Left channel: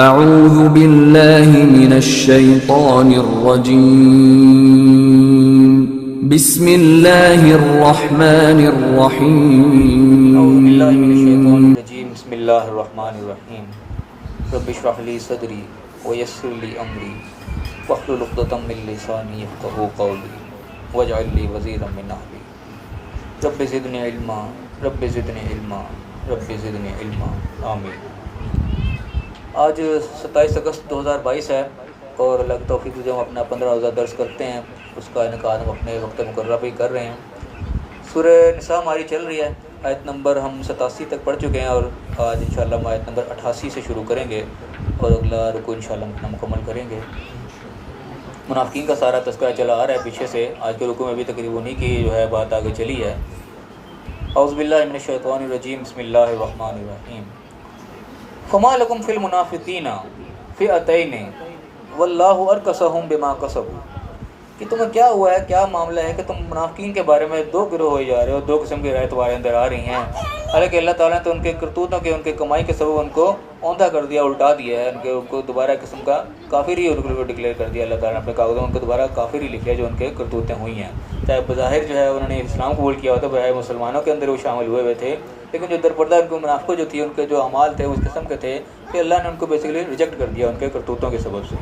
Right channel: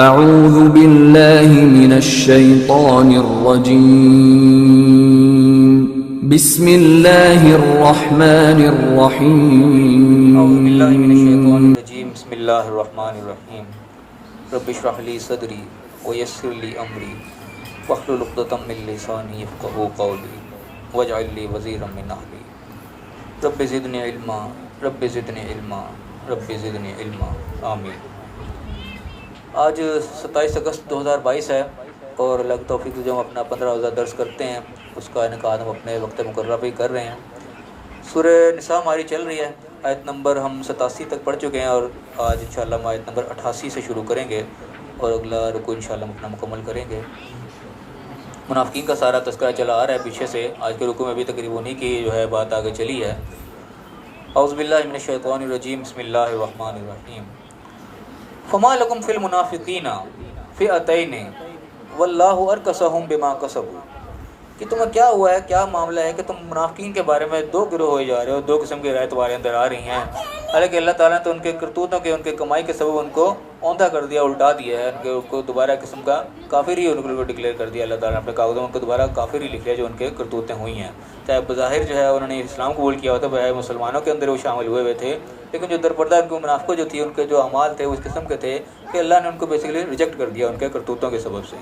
اعوذ باللہ من الشیطان الرجیم بسم اللہ الرحمن الرحیم بسم اللہ الرحمن الرحیم رب اشرح لی صدری ویسر لی امری واحلل عقدۃ من لسانی یفقہوا قولی واجعل لی وزیرا من اہلی رب زدنی علما رب زدنی علما رب زدنی علما آمین۔ آج 27 اگست 2022 ہے اور اللہ کی توفیق جو ہم اپنا 15 روزہ درس کرتے ہیں اس کا انعقاد ہم اپنے وقت مقررہ پہ کر رہے ہیں۔ سورہ نساء ہماری چل رہی ہے، آیت نمبر ہم 87 تک پڑھ چکے ہیں اور آج انشاءاللہ ہم آیت نمبر 88 سے شروع کریں گے اور اگلا رکوع انشاءاللہ ہم اپنا مکمل کریں گے۔ منافقین کا سارا تذکرہ چلا آ رہا ہے پیچھے سے، آج کے رکوع میں بھی تقریباً انہی کی جو ہے بات آگے چلی ہے۔ اعوذ باللہ من الشیطان الرجیم بسم اللہ الرحمن الرحیم۔ فما لکم فی المنافقین فئتین واللہ ارکسہم بما کسبوا، کہ تمہیں کیا ہوا ہے، کیا معاملہ ہے کہ تم منافقین کے بارے میں دو گروہ ہوئے جا رہے ہو، دو قسم کی رائے تمہارے اندر آ رہی ہیں، حالانکہ اللہ تعالیٰ نے تو ان کے کرتوتوں کے، ان کے کمائی کے سبب ان کو اوندھا کر دیا، الٹا دیا ہے، ان کو دوبارہ قسم کا کافر ہی ان کو ڈکلیئر کر دیا اللہ تعالیٰ نے اپنے کاغذوں میں، ان کو دوبارہ کافر ہی لکھ لیا جو ان کے کرتوتیں ہوئی ہیں۔ چاہے بظاہر جو ہے انہوں نے اسلام قبول کیا ہوتا، بظاہر مسلمانوں کے اندر وہ شامل ہوئے تھے، لیکن جو درپردہ ان کو منافقوں جو تھی، ان کے جو اعمال تھے اس قسم کے تھے کہ اللہ نے ان کو بیسیکلی ریجیکٹ کر دیا ان کے کرتوتوں کے سبب سے۔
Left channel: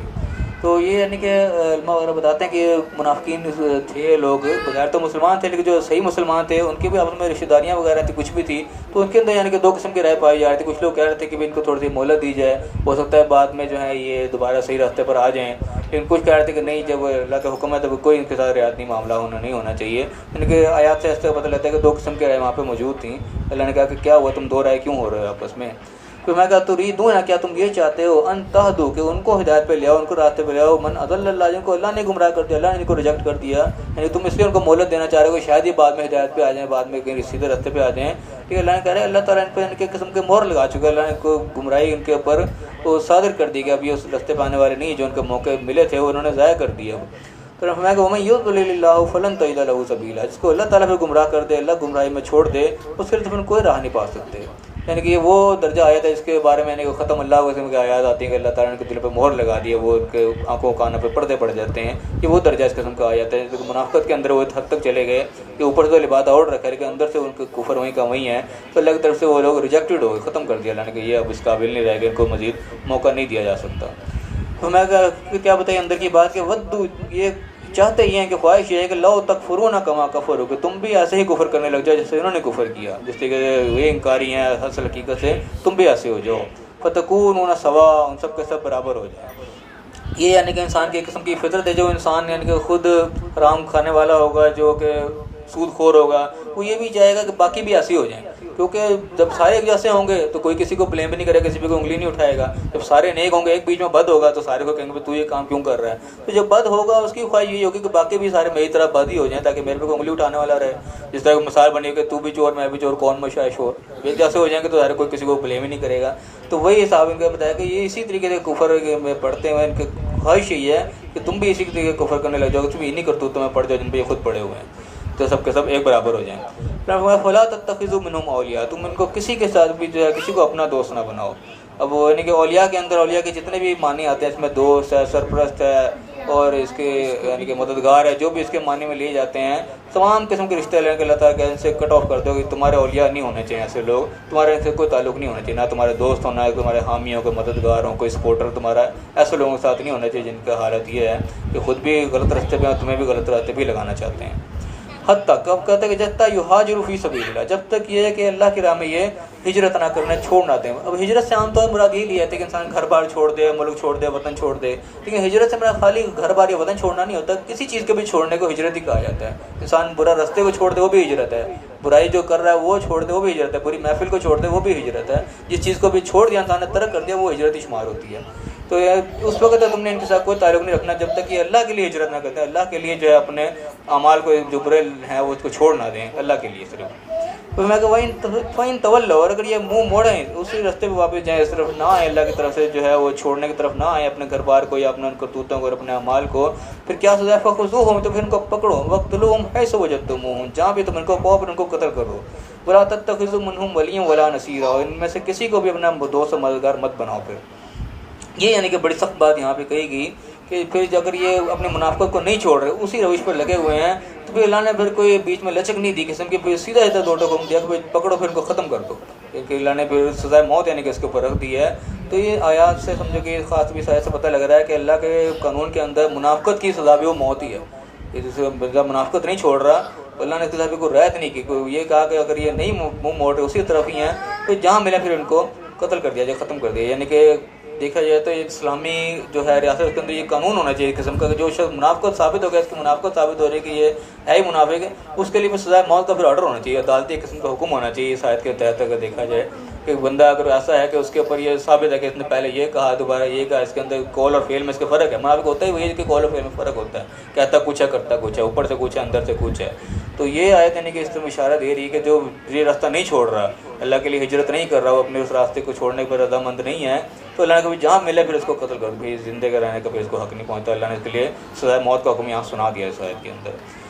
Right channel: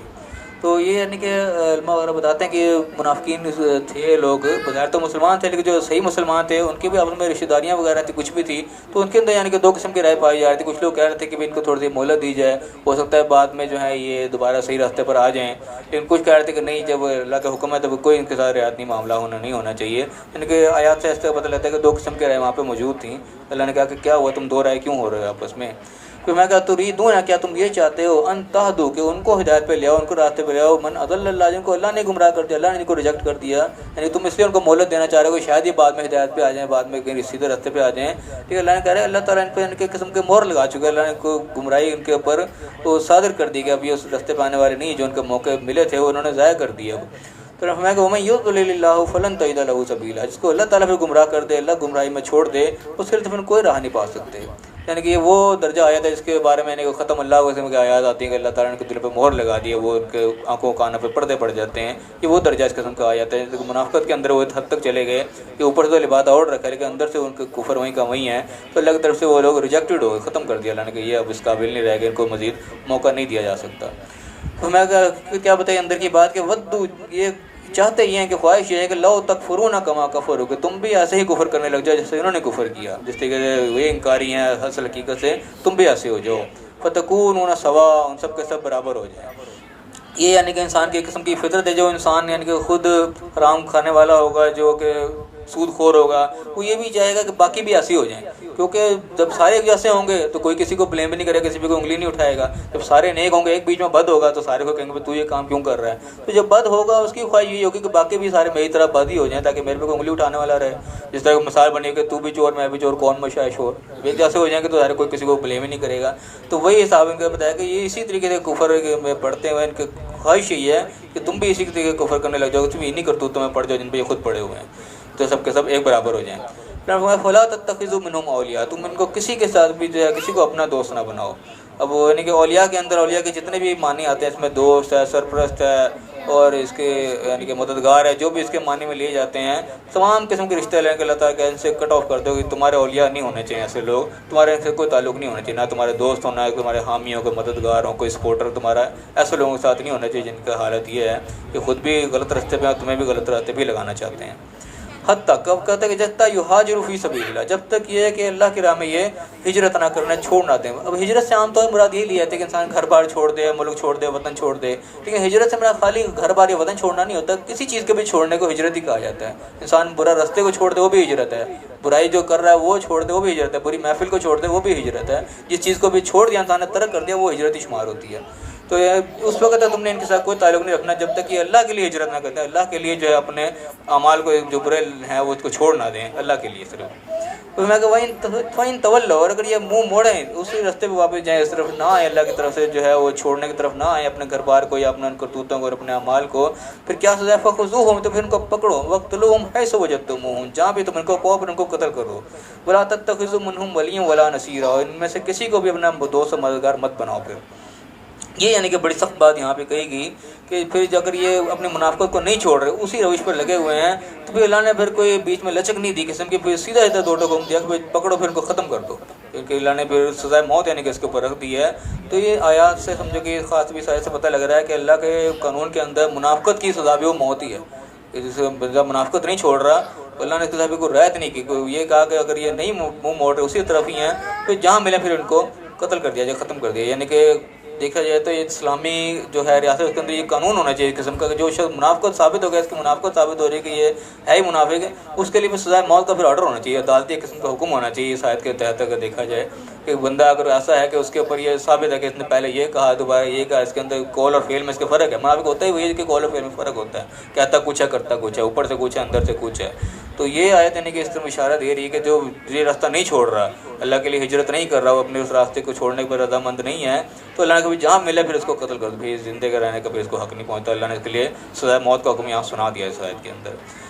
تو یہ یعنی کہ علماء وغیرہ بتاتے ہیں کہ منافقین تھے لوگ، بظاہر تو مسلمان تھے لیکن جو صحیح مسلمان تھے ان کی بھی آپس میں رشتہ داریاں وغیرہ تھی، کچھ بھی تھی، تو ان کے اندر یعنی کہ دو قسم کی رائے پائی جا رہی تھی۔ کچھ لوگ کہہ رہے تھے کہ ان کو تھوڑی سی مہلت دی جائے، ہو سکتا ہے بعد میں جو ہے یہ دوبارہ صحیح راستے پر آ جائیں، لیکن کچھ کہہ رہے تھے کہ نہیں، جب اللہ کا حکم ہے تو کوئی ان کے ساتھ رعایتی معاملہ نہیں ہونا چاہیے۔ یعنی کہ آیات سے اس سے پتہ لگتا ہے کہ دو قسم کی رائے وہاں پہ موجود تھیں۔ اللہ نے کہا کہ کیا ہوا، تم دو رائے کیوں ہو رہے ہو آپس میں؟ تو میں کہا تریدون، کیا تم یہ چاہتے ہو ان تہدوا کہ ان کو ہدایت پہ لے آؤ، ان کو راستے پہ لے آؤ، من اضل اللہ، جن کو اللہ نے گمراہ کر دیا، اللہ نے ان کو ریجیکٹ کر دیا، یعنی تم اس لیے ان کو مہلت دینا چاہ رہے ہو کہ شاید یہ بعد میں ہدایت پہ آ جائیں، بعد میں کہیں سیدھے راستے پہ آ جائیں۔ ٹھیک ہے، اللہ نے کہا ہے اللہ تعالیٰ ان پہ ان کے قسم کے مہر لگا چکے، اللہ نے ان کو گمراہی ان کے اوپر وہ صادر کر دی کہ اب یہ اس راستے پہ آنے والے نہیں، جو ان کے موقع ملے تھے وہ انہوں نے ضائع کر دیا۔ تو میں کہ ومن یضلل اللہ فلن تجد له سبیلا، جس کو اللہ تعالیٰ پھر گمراہ کر دے، اللہ گمراہی میں چھوڑ دے، اس کے لیے پھر کوئی راہ نہیں پا سکتے۔ یعنی کہ یہ وہ درجہ آیات ہے جس کے بارے میں ختم اللہ قسم کی آیات آتی ہیں کہ اللہ تعالیٰ نے دل پہ مہر لگا دی ہے، وہ ان کے آنکھوں کانوں پہ پردے پڑ جاتے ہیں، یہ وہ درجہ اس قسم کا آیات ہے۔ منافقت کے اندر وہ حد تک چلے گئے کہ اوپر سے لبادہ اوڑھ رکھا ہے لیکن اندر سے ان کے کفر وہیں کا وہیں ہے، تو اللہ کی طرف سے وہ لوگ ریجیکٹڈ ہو گئے، ختم کر دیا اللہ نے کہ یہ اب اس قابل نہیں رہ گئے، ان کو مزید موقع نہیں دیا جا سکتا۔ تو میں کیا بتائیے اندر کی بات کہ ودو، یہ چاہتے یہ ہیں کہ خواہش یہ ہے کہ لو تکفرون کما کفروا، کہ تم بھی ایسے ہی کفر کرنے لگ جاؤ جیسے انہوں نے کفر کیا، جس طریقے سے یہ انکاری ہیں اصل حقیقت سے، تم بھی ایسے ہو جاؤ، فتکونون سواء، ان سب کے سب برابر ہو جائیں۔ یہ یعنی کہ انسان کی ایک قسم کی فطرت ہے، جو انسان یعنی کہ خود حرام کھانے والا ہوگا، جو کہ سود خور ہوگا، وہ یہ بھی چاہے گا کہ باقی بھی ایسے ہو جائیں، کیونکہ جب سارے جیسے ہوں گے تو کوئی کسی کو بلیم بھی نہیں کرے گا، کسی پہ کوئی انگلی نہیں اٹھائے گا۔ جب سارے نیک ہوں گے، ایک بیچ میں بد ہوگا تو سارے کو کہیں گے تو یہ کام کیوں کر رہا ہے، تو جب بد ہوگا اس کی خواہش یہی ہوگی کہ باقی بھی سارے میری طرح بد ہی ہو جائیں تاکہ میرے پہ کوئی انگلی اٹھانے والا رہے۔ جس طرح مثال بنی کہ تو بھی چور میں بھی چور، کون مشاء شور، یہ جیسے ہو جائیں گے تو سارے کوئی کسی کو بلیم ہی نہیں کرے گا۔ تو وہی حساب ان کا بتایا کہ یہ اسی طریقے سے کفر میں پڑھتے ہوئے ان کی خواہش یہی ہے کہ تم بھی اسی طریقے کفر کرنے لگ جاؤ، تم انہیں کرتوتوں میں پڑھ جاؤ جن پہ یہ خود پڑے ہوئے ہیں، تو سب کے سب ایک برابر ہو جائیں۔ فلا تتخذوا منهم اولیاء، تم ان کو کسی کے ساتھ بھی جو ہے کسی کو اپنا دوست نہ بناؤ۔ اب وہ یعنی کہ اولیاء کے اندر اولیاء کے جتنے بھی معنی آتے ہیں، اس میں دوست ہے، سرپرست ہے، اور اس کے یعنی کہ مددگار ہے، جو بھی اس کے معنی میں لیے جاتے ہیں، تمام قسم کے رشتے لیں کہ اللہ تعالیٰ کہ ان سے کٹ آف کر دو کہ تمہارے اولیاء نہیں ہونے چاہیے، ایسے لوگ تمہارے ان سے کوئی تعلق نہیں ہونا چاہیے، نہ تمہارے دوست ہونا، تمہارے حامی ہو، کوئی مددگار ہو، کوئی سپورٹر تمہارا، ایسے لوگوں کے ساتھ نہیں ہونا چاہیے جن کا حالت یہ ہے کہ خود بھی غلط راستے پہ تمہیں بھی غلط راستے پہ لگانا چاہتے ہیں۔ حتیٰ کب کہتا ہے کہ جب تک یہاجروا فی سبیل اللہ، جب تک یہ ہے کہ اللہ کی راہ میں یہ ہجرت نہ کرنا، چھوڑ نہ دیں۔ اب ہجرت سے عام طور پر مراد یہ لیا ہے کہ انسان گھر بار چھوڑ دے، ملک چھوڑ دے، وطن چھوڑ دے، لیکن ہجرت سے مراد خالی گھر بار یا وطن چھوڑنا نہیں ہوتا، کسی چیز کو بھی چھوڑنے کو ہجرت ہی کہا جاتا ہے۔ انسان برا راستے کو چھوڑ دے وہ بھی ہجرت ہے، برائی جو کر رہا ہے وہ چھوڑ دے وہ بھی ہجرت ہے، بری محفل کو چھوڑ دے وہ بھی ہجرت ہے، جس چیز کو بھی چھوڑ دیا انسان نے، ترک کر دیا، وہ ہجرت ہی شمار ہوتی ہے۔ تو اس وقت تک تم نے ان کے ساتھ کوئی تعلق نہیں رکھنا جب تک کہ اللہ کے لیے ہجرت نہ کرتے، اللہ کے لیے جو ہے اپنے اعمال کو جو برے ہیں وہ اس کو چھوڑ نہ دیں، اللہ کے لیے صرف۔ تو میں کہ وَإِن تَوَلَّوْا، اور اگر یہ منہ موڑیں اسی راستے پہ واپس جائیں، اس طرف نہ آئیں، اللہ کی طرف سے جو ہے وہ چھوڑنے کی طرف نہ آئیں، اپنے گھر بار کو یا اپنے کرتوتوں کو اور اپنے اعمال کو، پھر کیا سزا ہے؟ فَخُذُوهُمْ، تو پھر ان کو پکڑو، وَاقْتُلُوهُمْ حَيْثُ وَجَدتُّمُوهُمْ، جہاں بھی تم ان کو پاؤ پھر ان کو قتل کرو، وَلَا تَتَّخِذُوا مِنْهُمْ وَلِيًّا وَلَا نَصِيرًا، اور ان میں سے کسی کو بھی اپنا دوست و مددگار مت بناؤ۔ پھر یہ یعنی کہ بڑی سخت بات یہاں پہ کہی گئی کہ پھر اگر یہ اپنے منافقت کو نہیں چھوڑ رہے، اسی روش پر لگے ہوئے ہیں، تو پھر اللہ نے پھر کوئی بیچ میں لچک نہیں دی قسم کی، پھر سیدھا دو حکم دیا کہ پکڑو پھر ان کو ختم کر دو، کیونکہ اللہ نے پھر سزائے موت یعنی کہ اس کے اوپر رکھ دی ہے۔ تو یہ آیات سے سمجھو کہ خاص بھی سے پتہ لگ رہا ہے کہ اللہ کے قانون کے اندر منافقت کی سزا بھی وہ موت ہی ہے، کہ جسے منافقت نہیں چھوڑ رہا تو اللہ نے اس کے کو رعایت نہیں کی، کوئی یہ کہا کہ اگر یہ نہیں منہ موڑ رہے اسی طرف ہی ہیں تو جہاں ملا پھر ان کو قتل کر دیا جائے، ختم کر دیا۔ یعنی کہ دیکھا جائے تو اسلامی جو ہے ریاست، اس کے اندر یہ قانون ہونا چاہیے قسم کا کہ جو شخص منافقت ثابت ہو گیا، اس کی منافقت ثابت ہو رہی ہے کہ یہ ہے ہی منافق ہے، اس کے لیے بھی سزائے موت کا پھر آرڈر ہونا چاہیے، عدالتی قسم کا حکم ہونا چاہیے اس آیت کے تحت۔ اگر دیکھا جائے کہ بندہ اگر ایسا ہے کہ اس کے اوپر یہ ثابت ہے کہ اس نے پہلے یہ کہا دوبارہ یہ کہا، اس کے اندر قول اور فعل میں اس کا فرق ہے، منافق ہوتا ہی وہی ہے کہ قول اور فعل میں فرق ہوتا ہے، کہتا کچھ ہے کرتا کچھ ہے، اوپر سے کچھ ہے اندر سے کچھ ہے۔ تو یہ آیت یعنی کہ اس طرح اشارہ دے رہی ہے کہ جو یہ راستہ نہیں چھوڑ رہا، اللہ کے لیے ہجرت نہیں کر رہا، وہ اپنے اس راستے کو چھوڑنے پر رضامند نہیں ہے، تو اللہ نے کبھی جہاں ملے پھر اس کو قتل کر دو، زندے کا رہنے کا پھر اس کو حق نہیں پہنچتا۔ اللہ نے اس کے لیے سزائے موت کا حکم یہاں سنا دیا اس آیت کے اندر۔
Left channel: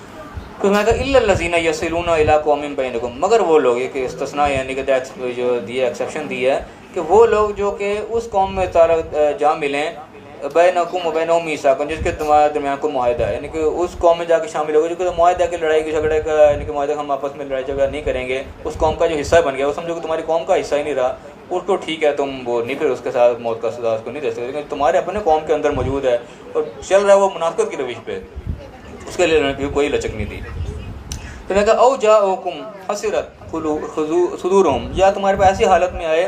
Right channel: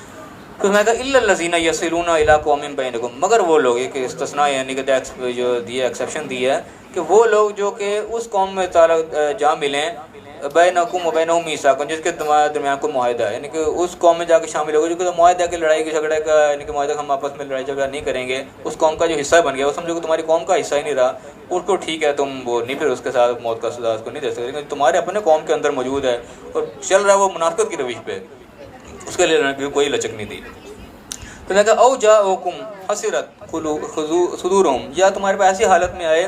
تو میں کہا الا الذین یصلون الی قوم بینکم، مگر وہ لوگ، ایک استثناء یعنی کہ جو دیا ایکسیپشن دی ہے کہ وہ لوگ جو کہ اس قوم میں جا ملیں بینکم و بینہم میثاق، جس کے تمہارے درمیان کو معاہدہ ہے، یعنی کہ اس قوم میں جا کے شامل ہوگا جو کہ معاہدہ ہے کہ لڑائی جھگڑے کا، یعنی کہ معاہدہ ہم آپس میں لڑائی جھگڑا نہیں کریں گے، اس قوم کا جو حصہ بن گیا وہ سمجھو کہ تمہاری قوم کا حصہ ہی نہیں رہا، اس کو ٹھیک ہے تم وہ نہیں پھر اس کے ساتھ موت کا سزا اس کو نہیں دے سکتے، لیکن تمہارے اپنے قوم کے اندر موجود ہے اور چل رہا ہے وہ منافقت کی روش پہ، اس کے لیے کوئی لچک نہیں دی۔ تو نے کہا او جاؤکم حسرت صدورہم، یا تمہارے پاس ایسی حالت میں آئے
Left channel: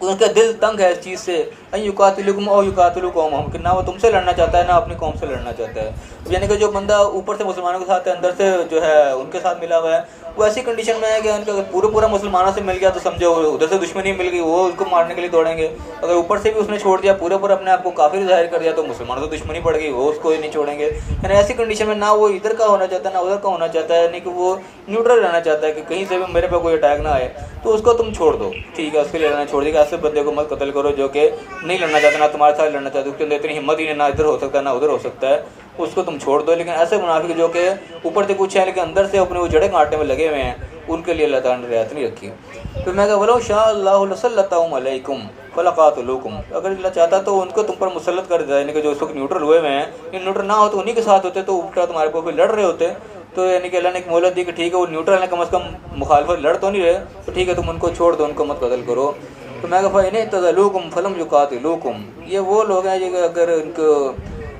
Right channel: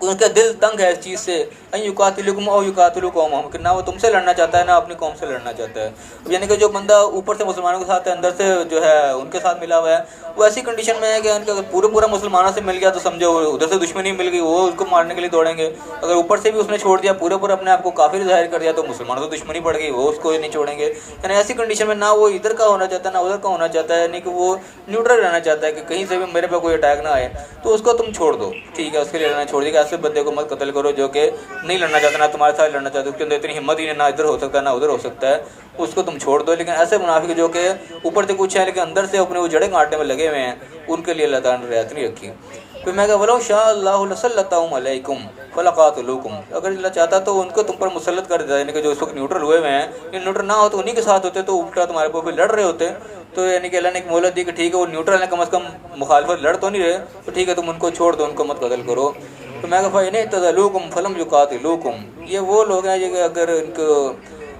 ان کا دل تنگ ہے اس چیز سے، ان یقاتلکم او یقاتلوا قومہم، کہ نہ وہ تم سے لڑنا چاہتا ہے نہ اپنی قوم سے لڑنا چاہتا ہے، یعنی کہ جو بندہ اوپر سے مسلمانوں کے ساتھ ہے اندر سے جو ہے ان کے ساتھ ملا ہوا ہے، وہ ایسی کنڈیشن میں ہے کہ ان کا اگر پورا مسلمانوں سے مل گیا تو سمجھو ادھر سے دشمنی مل گئی، وہ اس کو مارنے کے لیے دوڑیں گے، اگر اوپر سے بھی اس نے چھوڑ دیا پورا اپنے آپ کو کافر ظاہر کر دیا تو مسلمانوں سے دشمنی پڑ گئی، وہ اس کو نہیں چھوڑیں گے۔ یعنی ایسی کنڈیشن میں نہ وہ ادھر کا ہونا چاہتا ہے نہ ادھر کا ہونا چاہتا ہے، یعنی کہ وہ نیوٹرل رہنا چاہتا ہے کہ کہیں سے بھی میرے پہ کوئی اٹیک نہ آئے، تو اس کو تم چھوڑ دو، ٹھیک ہے، اس کے لیے لڑنا چھوڑ دے کہ ایسے بندے کو مت قتل کرو جو کہ نہیں لڑنا چاہتا، نہ تمہارے ساتھ لڑنا چاہتا، اس کے اندر اتنی ہمت ہی نہ ادھر ہو سکتا ہے نہ ادھر ہو سکتا ہے، اس کو تم چھوڑ دو۔ لیکن ایسے منافق جو کہ اوپر سے کچھ ہے لیکن اندر سے اپنے وہ جڑیں کاٹنے میں لگے ہوئے ہیں، ان کے لیے اللہ تعالیٰ نے رعایت نہیں رکھی۔ پھر میں کہا وَلَوْ شَاءَ اللَّهُ لَسَلَّطَهُمْ عَلَيْكُمْ فَلَقَاتَلُوكُمْ، اگر اللہ چاہتا تو ان کو تم پر مسلط کر دیتا، یعنی کہ جو اس وقت نیوٹرل ہوئے ہوئے ہیں، ان نیوٹرل نہ ہو تو انہی کے ساتھ ہوتے تو الٹا تمہارے کو لڑ رہے ہوتے، تو یعنی کہ اللہ نے ایک مہلت دی کہ ٹھیک ہے وہ نیوٹرل ہیں، کم از کم مخالفت لڑ تو نہیں رہے، تو ٹھیک ہے تم ان کو چھوڑ دو، ان کو مت قتل کرو۔ تو میں کہا فَإِنِ اعْتَزَلُوكُمْ فَلَمْ يُقَاتِلُوكُمْ، یہ وہ لوگ ہیں جو اگر ان کو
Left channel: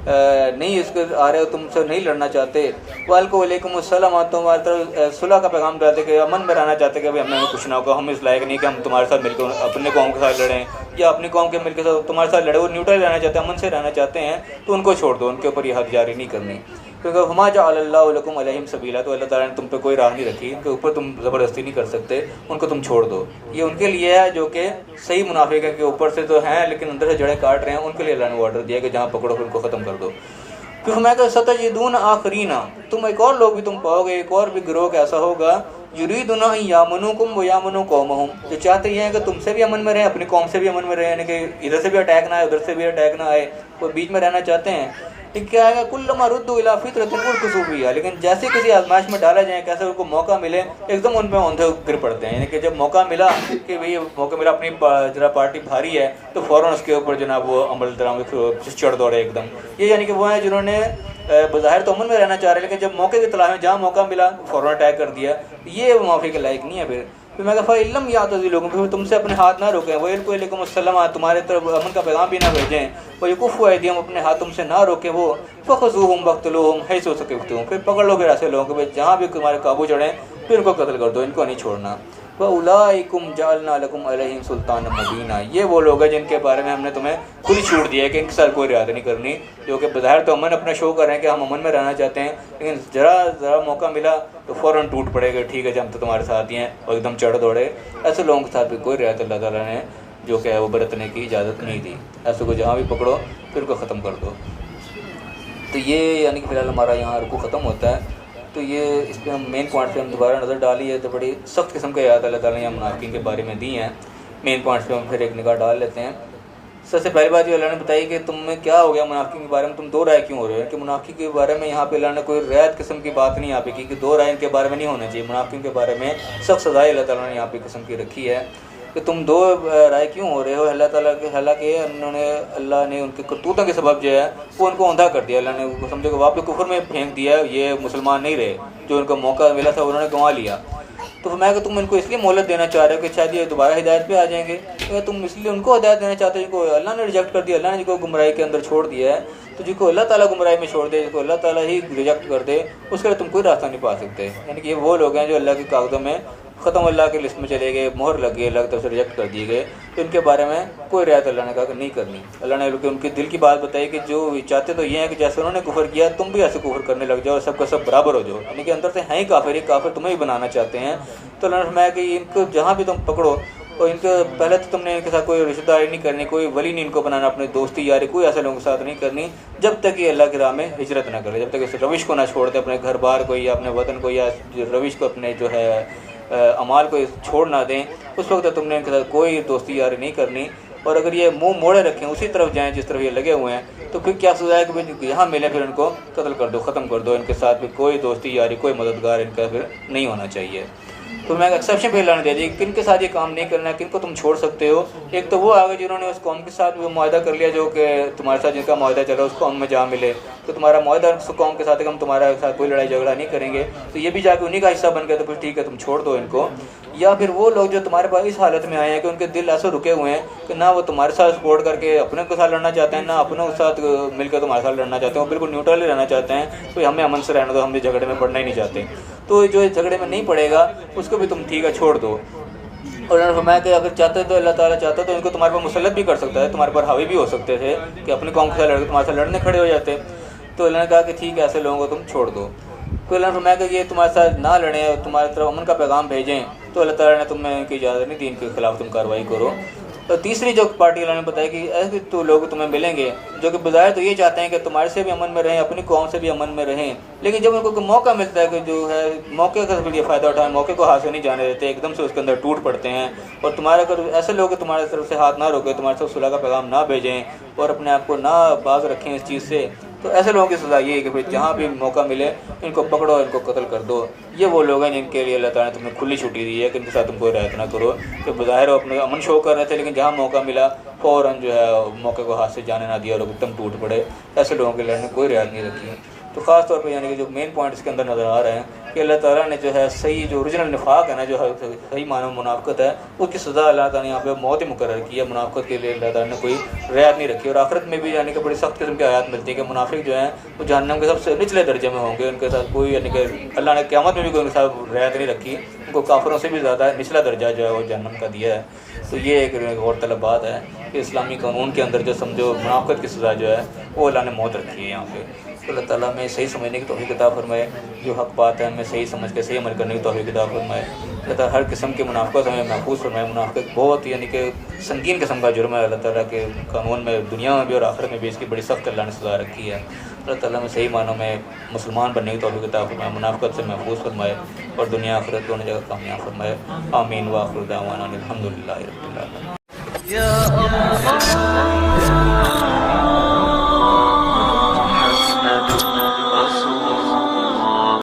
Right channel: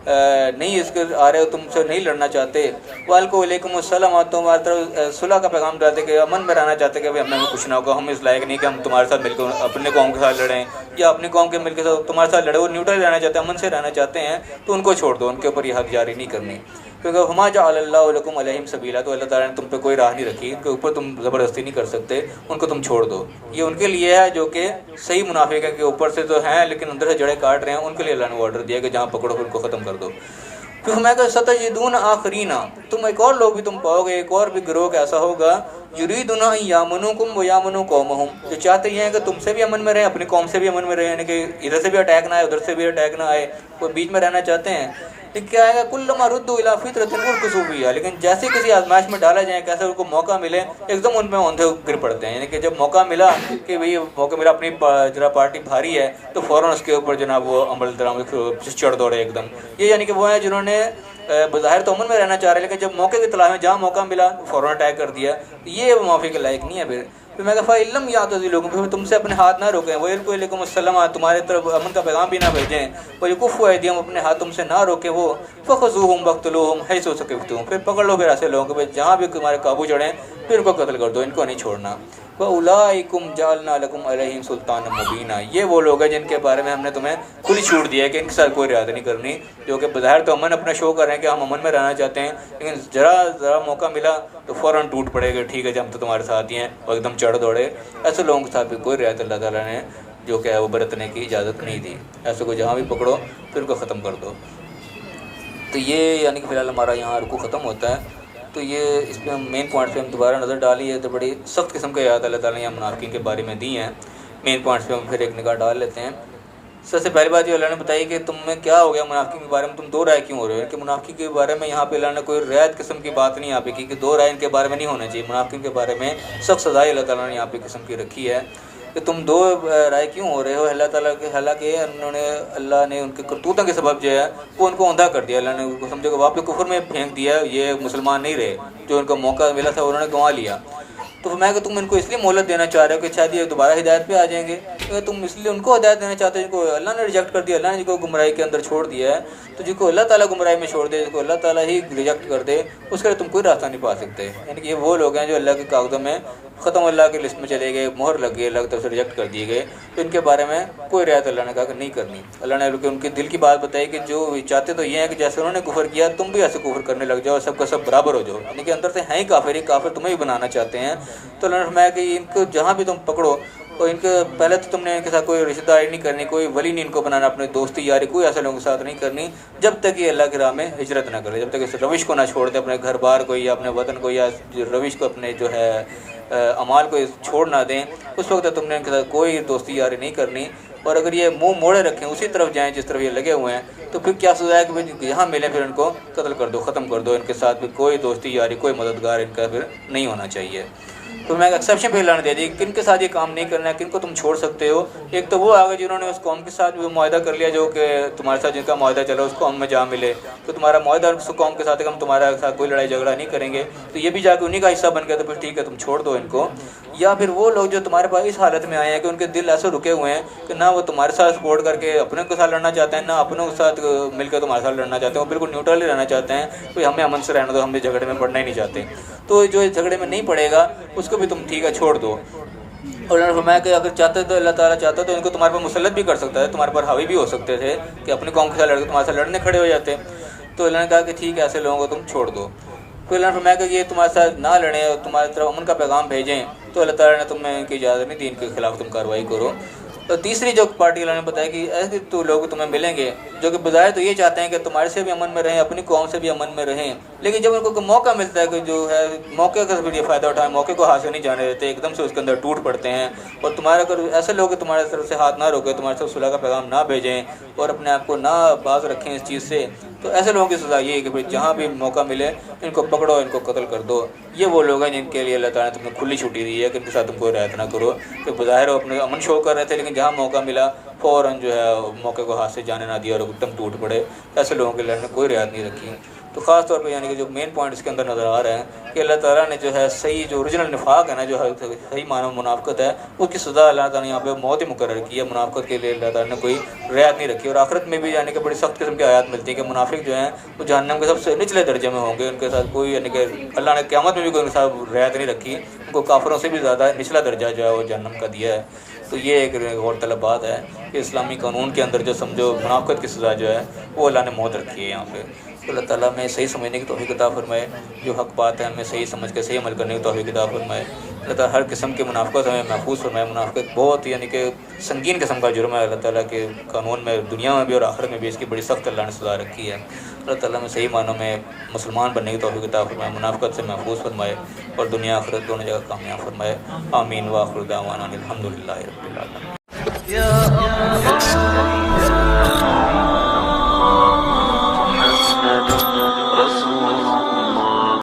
نہیں اس کے آ رہے ہو تم سے نہیں لڑنا چاہتے، وَعَلَيْكُمْ وَعَلَيْكُمُ السَّلَامُ، اور تم ہماری طرف صلح کا پیغام ڈالتے کہ امن میں رہنا چاہتے کہ ہمیں کچھ نہ ہوگا، ہم اس لائق نہیں کہ ہم تمہارے ساتھ مل کے اپنے قوم کے ساتھ لڑیں یا اپنی قوم کے مل کے ساتھ تمہارے ساتھ لڑے، وہ نیوٹرل رہنا چاہتے ہیں، امن سے رہنا چاہتے ہیں، تو ان کو چھوڑ دو، ان کے اوپر یہ حد جاری نہیں کرنی، کیونکہ ہما جعل اللہ لکم علیہم سبیلا، تو اللہ تعالیٰ نے تم پہ کوئی راہ نہیں رکھی، ان کے اوپر تم زبردستی نہیں کر سکتے، ان کو تم چھوڑ دو۔ یہ ان کے لیے ہے جو کہ صحیح منافق ہے کہ اوپر سے تو ہیں لیکن اندر سے جڑیں کاٹ رہے ہیں، ان کے لیے اللہ نے آرڈر دیا کہ جہاں پکڑو ان کو ختم کر دو۔ پھر ہمیں کہ ستجدون آخرین، تم ایک اور لوگ بھی تم پاؤ گے، ایک اور بھی گروہ ایسا ہوگا، یریدون ان یامنوکم و یامنوا قومہم، جو چاہتے یہ ہیں کہ تم سے بھی امن میں رہیں اپنی قوم سے بھی امن میں رہیں، یعنی کہ ادھر سے بھی اٹیک نہ آئے ادھر سے بھی اٹیک نہ آئے، تو بیچ میں رہنا چاہتے ہیں۔ لیکن کیا ہے کلما ردوا الی فطرۃ ارکسوا فیہا، لیکن جیسے کسی آزمائش میں ڈالا جائے، کیسے ان کو موقع ملے ایک دم ان پہ اوندھے گر پڑتے ہیں، یعنی کہ جب موقع ملا کہ بھئی موقع ملا اپنی ذرا پارٹی بھاری ہے تو فوراً اس کے اوپر جناب وہ عمل درآمد چڑھ دوڑے ایک دم۔ یہ یعنی کہ وہ ہیں جنہوں نے بظاہر تو امن میں رہنا چاہ رہے لیکن جب موقع کی تلاش میں جہاں موقع ملا فوراً اٹیک کر دیا، یہ موافق کے لائق نہیں ہے۔ پھر میں کہا فَإِن لَّمْ يَعْتَزِلُوكُمْ، پھر تم سے اپنے ہاتھ نہ روکیں، وَيَلْقُوا إِلَيْكُمُ السَّلَامَ، تمہارے طرف امن کا پیغام بھی نہ بھیجیں، وَيَكُفُّوا أَيْدِيَهُمْ، اپنے ہاتھ تم سے نہ روکیں وہ، فَخُذُوهُمْ وَاقْتُلُوهُمْ حَيْثُ ثَقِفْتُمُوهُمْ، پھر پکڑ لو پھر ایسے لوگوں کو جہاں بھی تمہارے قابو چڑھیں پھر ان کو قتل کر دو، ان کو نہیں چھوڑنا۔ وَأُولَٰئِكُمْ جَعَلْنَا لَكُمْ عَلَيْهِمْ سُلْطَانًا مُبِينًا، یہ وہ لوگ ہیں جن کے بارے میں ہم نے تمہیں کھلی چھوٹ دی ہے کہ ان کے ساتھ کوئی رعایت نہیں کرنی، جو کہ بظاہر تو امن اپنا شو کر رہے ہیں کہ ہم امن میں رہنا چاہتے ہیں، لیکن ذرا موقع ملا تو فوراً ٹوٹ پڑے گا، ٹھیک ہے جب ہم تو تمہارے ساتھ ہی ہیں، اور ایک دم چڑھ دوڑے۔ ایسے لوگوں کے ساتھ بھی کوئی رعایت اللہ تعالیٰ نے جو کہ ہے وہ برتنے کی اجازت نہیں دی، ایسے کو جہاں بھی پکڑو پھر ان کو ختم کر دو۔ تو یہ یعنی کہ فی الحال ہمارا یہاں رکوع ختم ہوتا ہے، تو یہ اس پہ مین پوائنٹ پہ ہم دوبارہ نظر ڈالی ہے، تو بڑی سخت قسم کے آیات اللہ تعالیٰ نے منافقین کے بارے میں دی ہیں، مین پوائنٹس پہ ہم پھر ایک نگاہ ڈال لیتے ہیں۔ سب سے پہلی بات یہ اللہ نے بتائی کہ تم میں کیا ہو گیا منافقین کے بارے میں، تم دو رائے کیوں ہو رہے ہیں، کہ منافقین کے بارے میں یہاں پہ اللہ نے کوئی رعایت قسم کی بات نہیں یہاں پہ کی کہ دو رائے ان کے بارے میں نہیں ہونا چاہیے، منافقین کے بارے میں سخت سزائے اللہ تعالیٰ نے یہاں پہ قسم کی رکھی ہے۔ کہ تم دو رائے کیوں ہو رہے ہو اللہ تعالیٰ کے، حالانکہ اللہ نے ان کے کرتوتوں کے سبب جو ہے وہ ان کو اندھا کر دیا، اللہ نے ان کو سمجھے کہ واپس کفر میں پھینک دیا، یہ مسلمان نہیں رہے، جو ان کو موقع ملا تھا انہوں نے گنوا لیا۔ تو میں کہ تم ان کو اس لیے مہلت دینا چاہ رہے ہو کہ شاید یہ دوبارہ ہدایت پہ آ جائیں گے، تم اس لیے ان کو ہدایت دینا چاہتے ہو جن کو اللہ نے ریجیکٹ کر دیا، اللہ نے جن کو گمراہی کے اندر چھوڑ دیا ہے، تو جن کو اللہ تعالیٰ گمراہی میں چھوڑ دے، جن کو اللہ تعالیٰ ہی ریجیکٹ کر دے، اس کے لیے تم کوئی راستہ نہیں پا سکتے۔ یعنی کہ یہ وہ لوگ ہیں جو اللہ کے کاغذوں میں ختم، اللہ کے لسٹ میں چلے گئے، مہر لگ گئی، اللہ کی طرف سے ریجیکٹ کر دیے گئے، تو ان کے بارے میں کوئی رعایت اللہ نے کہا کہ نہیں کرنی۔ اللہ نے ان کے دل کی بات بتائی کہ جو چاہتے تو یہ ہے کہ جیسے انہوں نے کفر کیا تم بھی ایسے کفر کرنے لگ جاؤ، سب کا سب برابر ہو جاؤ، یعنی کہ اندر سے ہیں ہی کافر، ہی کافر تمہیں ہی بنانا چاہتے ہیں۔ تو اللہ نے فرمایا کہ ان کو جہاں بھی تم پکڑو، اور ان کے پہلے تو تم نے ان کے ساتھ کوئی رشتہ داری نہیں کرنی، کوئی ولی نہیں ان کو بنانا، اپنے دوستی یاری کوئی ایسے لوگوں کے ساتھ نہیں کرنی جب تک یہ اللہ کی راہ میں ہجرت نہ کرے، جب تک اس روش کو نہ چھوڑ دے، اپنے گھر بار کو یا اپنے وطن کو یا روش کو، اپنے جو ہے اعمال کو چھوڑ نہ دیں، اس وقت تم نے ان کے ساتھ کوئی دوستی یاری نہیں کرنی۔ اور اگر یہ منہ موڑے رکھیں، اسی طرف جائیں جس طرف یہ لگے ہوئے ہیں، تو پھر کیا سزا ہے کہ یہاں ملیں پھر ان کو قتل کر دو، ختم کر دو، ان کے ساتھ بھی کوئی دوستی یاری، کوئی مددگار ان کا پھر نہیں ہونا چاہیے۔ تو میں ایکسیپشن پہ اللہ نے دے دی، کن کے ساتھ یہ کام نہیں کرنا ہے، کن کو تم چھوڑ سکتے ہو۔ ایک تو وہ آگے جنہوں نے اس قوم کے ساتھ وہ معاہدہ کر لیا، جو کہ تمہارے ساتھ جن کا معاہدہ چلا اس قوم میں جا ملے، تو تمہارا معاہدہ اس قوم کے ساتھ ہے کہ ہم تمہارے ساتھ کوئی لڑائی جھگڑا نہیں کریں گے، تو یہ بھی جا کے انہیں کا حصہ بن گیا، تو پھر ٹھیک ہے تم چھوڑ دو ان کو۔ یا پھر وہ لوگ جو تمہارے پاس اس حالت میں آئے ہیں کہ ان کے دل ایسے رکے ہوئے ہیں کہ نہ وہ تمہارے ساتھ سپورٹ کر کے اپنے کے ساتھ لڑنا چاہتے ہیں، نہ اپنوں کے ساتھ مل کے تمہارے ساتھ لڑنا چاہتے ہیں، وہ بالکل نیوٹرل ہی رہنا چاہتے ہیں، کوئی ہمیں امن سے رہنا دو، ہم یہ جھگڑے میں پڑنا ہی نہیں چاہتے، تو جو اس جھگڑے میں نہیں پڑے گا اس کو بھی تم ٹھیک ہے چھوڑ دو۔ اور انہوں نے فرمایا کہ اگر چاہتے تو اللہ تعالیٰ چاہتا تو ان کو تمہارے پر مسلط بھی کر سکتا ہے، تمہارے پر حاوی بھی ہو سکتے تھے کہ اپنی قوم کے ساتھ لڑ کے تمہارے ساتھ لڑنے کھڑے ہو جاتے۔ تو اللہ نے کہا کہ ٹھیک ہے ایسے لوگوں کو تم چھوڑ دو۔ تو اللہ نے فرمایا کہ یہ تمہارے ساتھ نہ لڑیں اور تمہاری طرف امن کا پیغام بھیجیں، تو اللہ تعالیٰ نے تمہیں ان کی اجازت نہیں دی، ان کے خلاف تم کارروائی کرو۔ تو تیسری جو پارٹی اللہ نے بتایا کہ ایسے تو لوگ تمہیں ملیں گے جو کہ بظاہر تو یہ چاہتے ہیں کہ تمہارے سے بھی امن میں رہیں، اپنی قوم سے بھی امن میں رہیں، لیکن جب ان کو موقع ملتا ہے کہ جو ہے موقع کا بھی فائدہ اٹھائیں، موقع کو ہاتھ سے نہیں جانے دیتے، ایک دم سے اس کے اندر ٹوٹ پڑتے ہیں۔ اور تمہارے اگر ایسے لوگ تمہارے طرف سے ہاتھ نہ روکے، تمہارے طرف صلح کا پیغام نہ بھیجیں اور اپنے آپ کو نہ باز رکھیں اس چیز سے، تو ایسے لوگوں کی سزا یہ ہے کہ پھر جہاں بھی موقع ملے ان کو پکڑو، ان کو قتل کر دو۔ یہ وہ لوگ ہیں جن کے لیے اللہ تعالیٰ نے تمہیں کھلی چھٹی دی ہے کہ ان کے ساتھ تم کوئی رعایت نہ کرو، کہ بظاہر اپنے امن شو کر رہے تھے لیکن جہاں موقع ملا فوراً جو ہے موقع کو ہاتھ سے جانے نہ دیا اور ایک دم ٹوٹ پڑے، ایسے لوگوں کے لیے کوئی رعایت نہیں رکھی۔ تو خاص طور پہ یعنی کہ جو مین پوائنٹ اس کے اندر نظر آ رہے ہیں کہ اللہ تعالیٰ نے جو ہے صحیح جو اوریجنل نفاق ہے نا، جو صحیح معنی منافقت ہے، اس کی سزا اللہ تعالیٰ نے یہاں پہ موت ہی مقرر کی ہے۔ منافقت کے لیے اللہ تعالیٰ نے کوئی رعایت نہیں رکھی، اور آخرت میں بھی یعنی کہ بڑی سخت قسم کی آیات ملتی ہیں کہ منافق جو ہیں وہ جہنم کے سب سے نچلے درجے میں ہوں گے، ان کے ساتھ کوئی یعنی کہ اللہ نے قیامت میں بھی کوئی ان کے ساتھ رعایت نہیں رکھی، ان کو کافروں سے بھی زیادہ نچلا درجہ جو ہے وہ جہنم کا دیا ہے۔ تو یہ ایک غور طلب بات ہے کہ اسلامی قانون کے اندر جو سمجھو منافقت کی سزا جو ہے وہ اللہ نے موت رکھی ہے یہاں پہ۔ اللہ تعالیٰ میں صحیح سمجھنے کی توفیق عطا فرمائے، جو حق بات ہے ہمیں صحیح سمجھ کے صحیح عمل کرنے کی توفیق عطا فرمائے۔ اللہ تعالیٰ ہر قسم کی منافقت ہمیں محفوظ فرمائے۔ منافقت بہت یعنی کہ سنگین قسم کا جرم ہے، اللہ تعالیٰ کے قانون میں دنیا میں بھی اور آخرت میں بھی اس کی بڑی سخت اللہ نے سزا رکھی ہے۔ اللہ تعالیٰ میں صحیح معنوں میں مسلمان بننے کی توفیق عطا فرمائے، منافقت سے محفوظ فرمائے اور دنیا آخرت دونوں جگہ کامیاب فرمائے۔ آمین۔ وآخر دعوانا الحمد للہ رب العالمین۔